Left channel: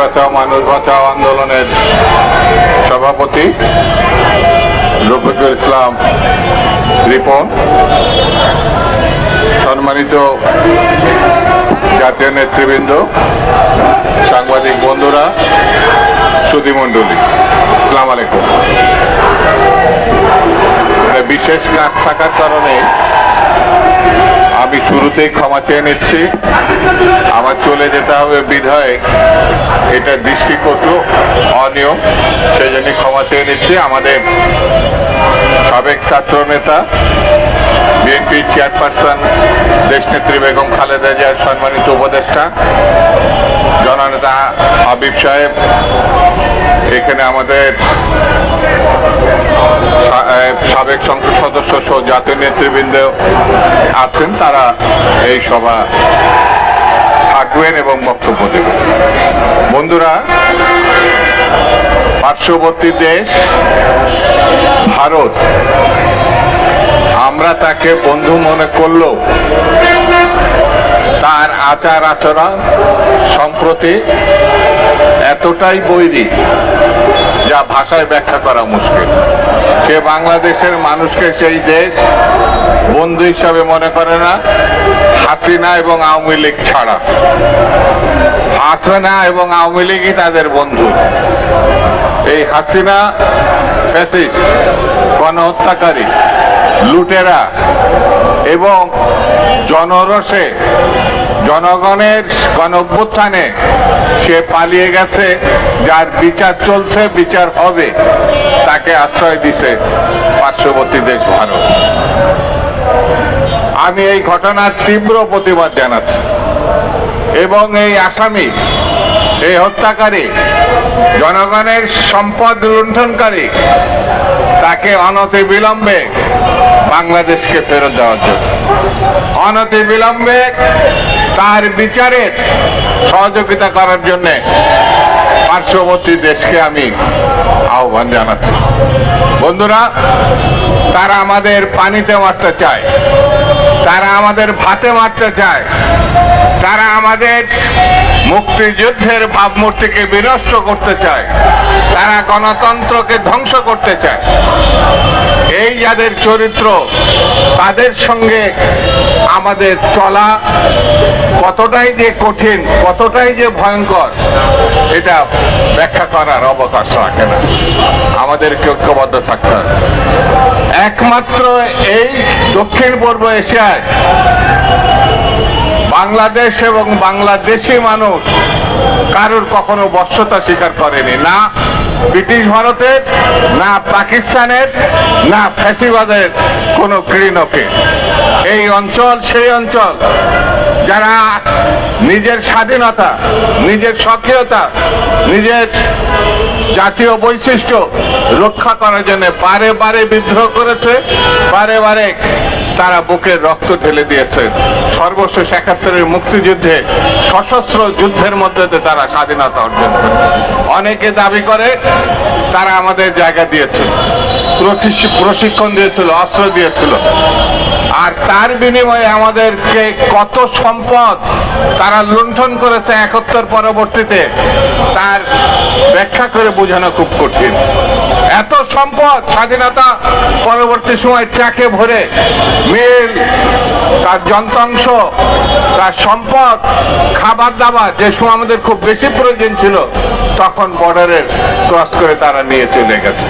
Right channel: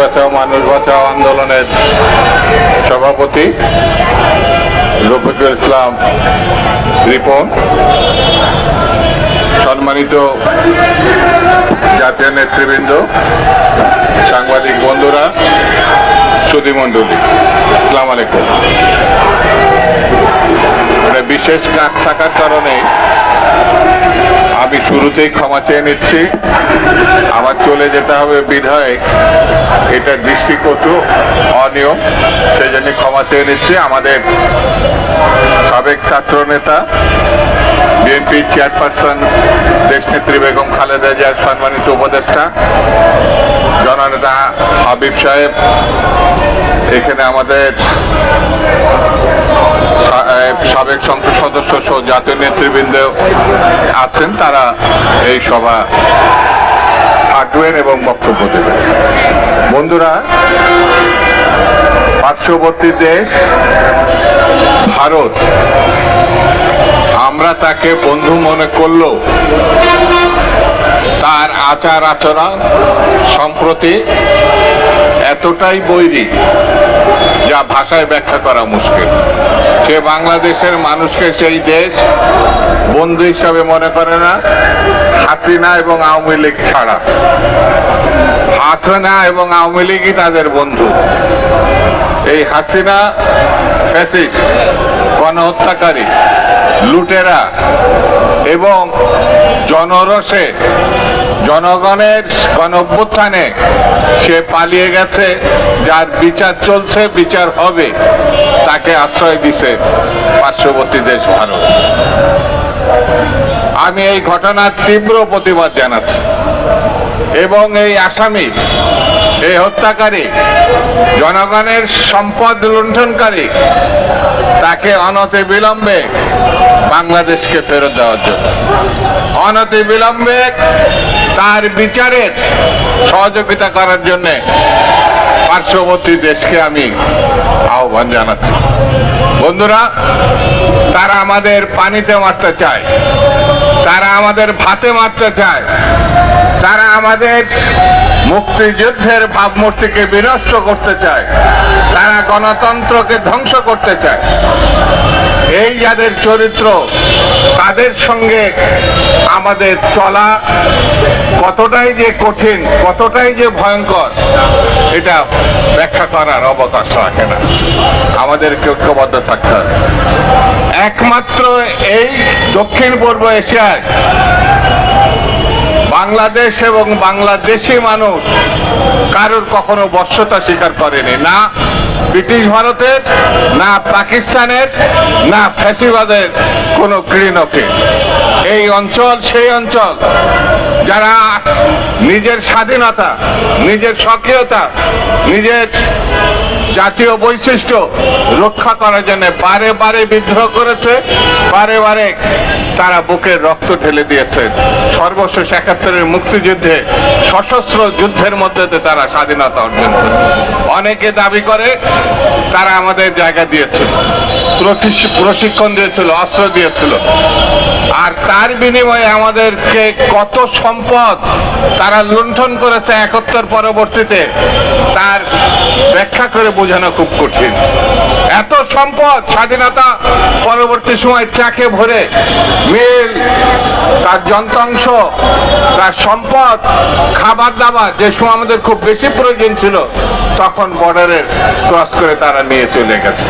বাঁচাও মানুষ বাঁচাও আন্দোলনের সভাপতি রফিকুল ইসলাম রিপন, সম্মানিত জাতীয় নেতৃবৃন্দ, সাংবাদিক বন্ধুরা, সুধীমণ্ডলী, আসসালামু আলাইকুম। বিশেষ কাজ থাকার কারণে আমি শুরুতেই ক্ষমা চেয়ে নিচ্ছি। আমার চলে যেতে হবে বিধায় এটা দৃষ্টিকটু অনিয়ম, সেই জন্য ক্ষমা চেয়ে নিচ্ছি। আমাদের সাবেক ছাত্র নেতা, বিএনপি চেয়ারপারসন দেশনেত্রী বেগম খালেদা জিয়ার সম্মানিত উপদেষ্টা জননেতা হাবিব সাহেব, এখানে আমাদের সাবেক সংসদ সদস্য সহ জাতীয় নেতৃবৃন্দ আছেন, তারা এই সভা থাকবেন এবং বক্তব্য দেবেন। বন্ধুরা, পার্শ্ববর্তী দেশ ভারত, আমরা তাকে বন্ধু মনে করলেও তার আচার আচরণ সম্প্রতি এতটাই বৈরী যা ভাষায় ব্যাখ্যা করা মুশকিল। সে বাংলাদেশের মানুষকে সেই দেশ বন্ধু হিসাবে মনে করে না, হাসিনা এবং আওয়ামী লীগ ছাড়া। হাসিনা এবং আওয়ামী লীগই তাদের বন্ধু। এই হাসিনা ফ্যাসিস্ট, গণহত্যাকারী, লুটেরা এবং জনরোষে জনগণের গণঅভ্যুত্থানে সে পালিয়ে গেছে, যার বিচার চলছে, বিচার হবে, তাকে আশ্রয় দিছে পার্শ্ববর্তী দেশ ভারত। আমি এই ঘটনার তীব্র প্রতিবাদ জানাচ্ছি এবং এই আসামি, এই হত্যাকারী, জনগণের সম্পদ লুণ্ঠনকারী, তাকে অনতিবিলম্বে বাংলাদেশকে ফেরত দেওয়ার জন্য, অনতিবিলম্বে তার বিচারের সহযোগিতা করার জন্য পার্শ্ববর্তী দেশকে আমি আহ্বান জানাচ্ছি। বন্ধুরা, তারা আমাদের পানিতে মারতে চায়, তারা আমাদের ভাতে মারতে চায়, তারা আমাদের মুক্তিযুদ্ধের ভাবমূর্তিকে বিনষ্ট করতে চায়, তারা গণতন্ত্রকে ধ্বংস করতে চায়। এই যাদের চরিত্র, তাদের সঙ্গে আমাদের চলা কতটাই যে কঠিন, কতটাই যে ভয়ঙ্কর, এটা ব্যাখ্যা করার অবকাশ রাখে না। আমাদেরকে ঐক্যবদ্ধ থাকতে হবে। একমাত্র এই দক্ষিণ পূর্ব এশিয়ায় বাংলাদেশ এবং বাংলাদেশি মানুষ কারোর কখনো বশ্যতা স্বীকার করেনি, না ব্রিটিশ ভারতের, না পাকিস্তানের, না ফ্যাসিবাদের কোন ঘৃণকে। এই অঞ্চল সেই অঞ্চল যারা নিজের স্বাধীনতা, নিজের সক্রিয়তা, নিজের জাতীয় বৈশিষ্ট্য রক্ষা করার জন্য বারে বারে বিদ্রোহ করেছে, বারে বারে তারা বুকের রক্ত ঢেলে দিয়েছে। সর্বশেষ ৭১-এর মুক্তিযুদ্ধে সশস্ত্র যুদ্ধের মধ্যে তারা স্বাধীনতা অর্জন করেছে। অনেকে দাবি করে তারা আমাদের জায়গা দিয়েছিল, প্রশিক্ষণ দিয়েছিল, অস্ত্র দিয়েছিল, আর তার বিনিময়ে আমাদেরকে কত সম্পদ তারা লুণ্ঠন করেছে ৭১ পরবর্তীতে, তার ব্যাখ্যা করে বোঝানো খুব কঠিন। এত সম্পদ স্বাধীনতা পরবর্তী সময় ট্রাকে ভরে, মিল, তার যন্ত্রাংশ, তার সম্পদ, খাবার দাবার, যে সময় আমাদের খুব বেশি প্রয়োজন ছিল, তখন বর্ডারে ক্রস করে তারা নিয়ে চলে গেছে।